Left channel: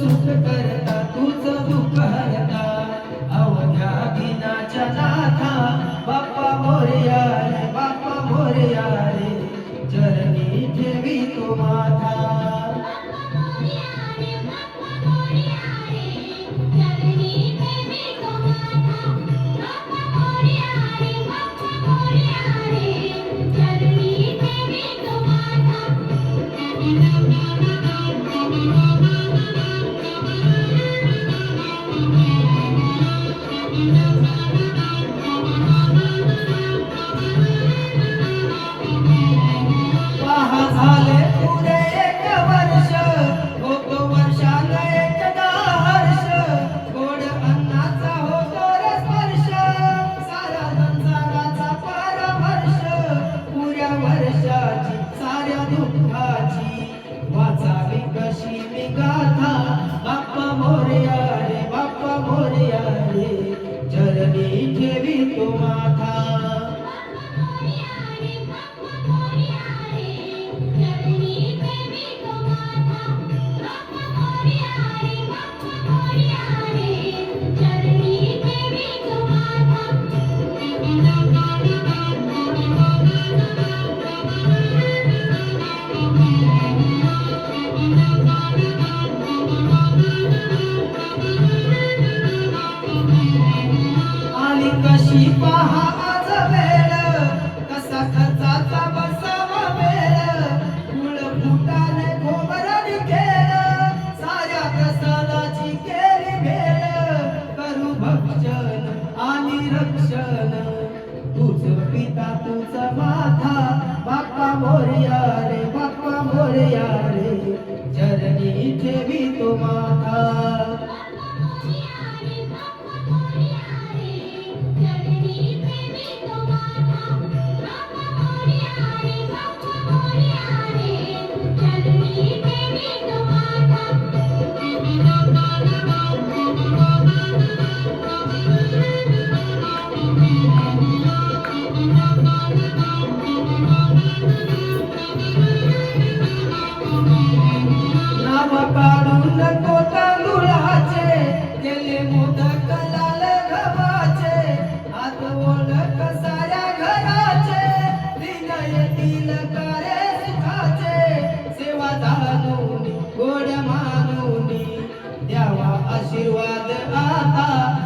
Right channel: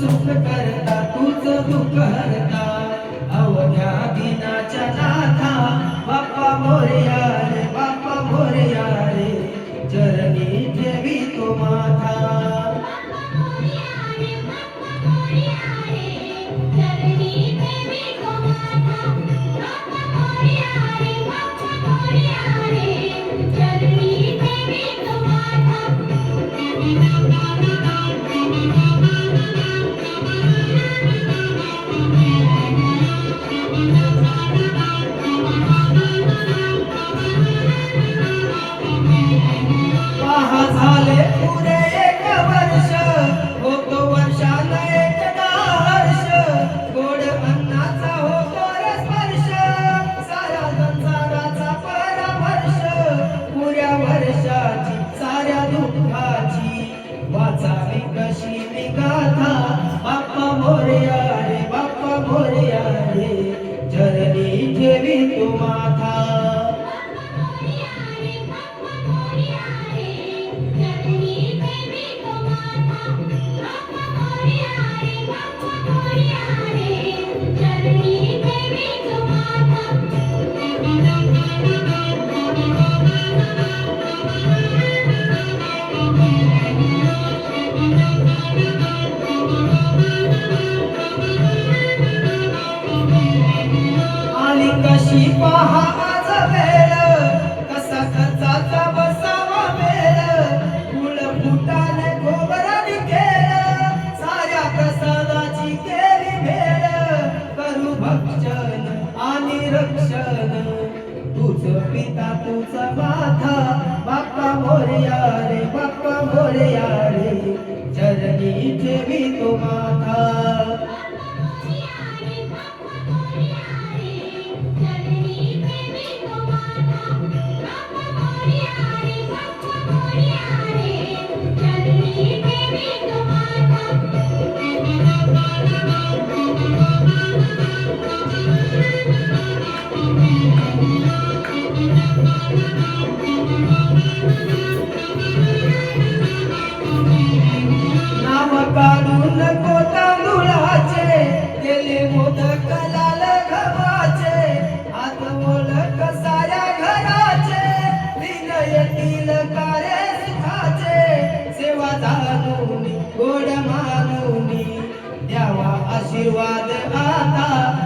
सुख करता तूच दुःख हरता अवघ्या दिनाच्या नाथा बाप्पा मोरया रे बाप्पा मोरया रे चरणी ठेवी तो माथा पहा झाले पुरे एक वर्ष होतो वर्षाला एकदा हर्ष गोड अन्नाचा होतो रे स्पर्श सारा संसाराचा परमर्श पुऱ्या वर्षाची साऱ्या दुःखाची वाचावी कशी मी गाथा बाप्पा मोरया रे बाप्पा मोरया रे चरणी ठेवी तो माथा आणि कशी पहा आज वेळ कसा खर्चाचा बसावा मेळ फुल फुटाने खोबराने खेळ साऱ्या प्रसादाची केली भेळ करू भक्षण आणि रक्षण तुझ पिता तुझा माथा बाप्पा मोरया रे बाप्पा मोरया रे चरणी ठेवी तो माथा नाव काढू नको तांदुळाचे केले मोदक लाल गव्हाचे आज ओळख साऱ्या घराचे विनयतील कार्य सुखाचे सेवा जाणून गोड मानून द्यावा आशीर्वाद आता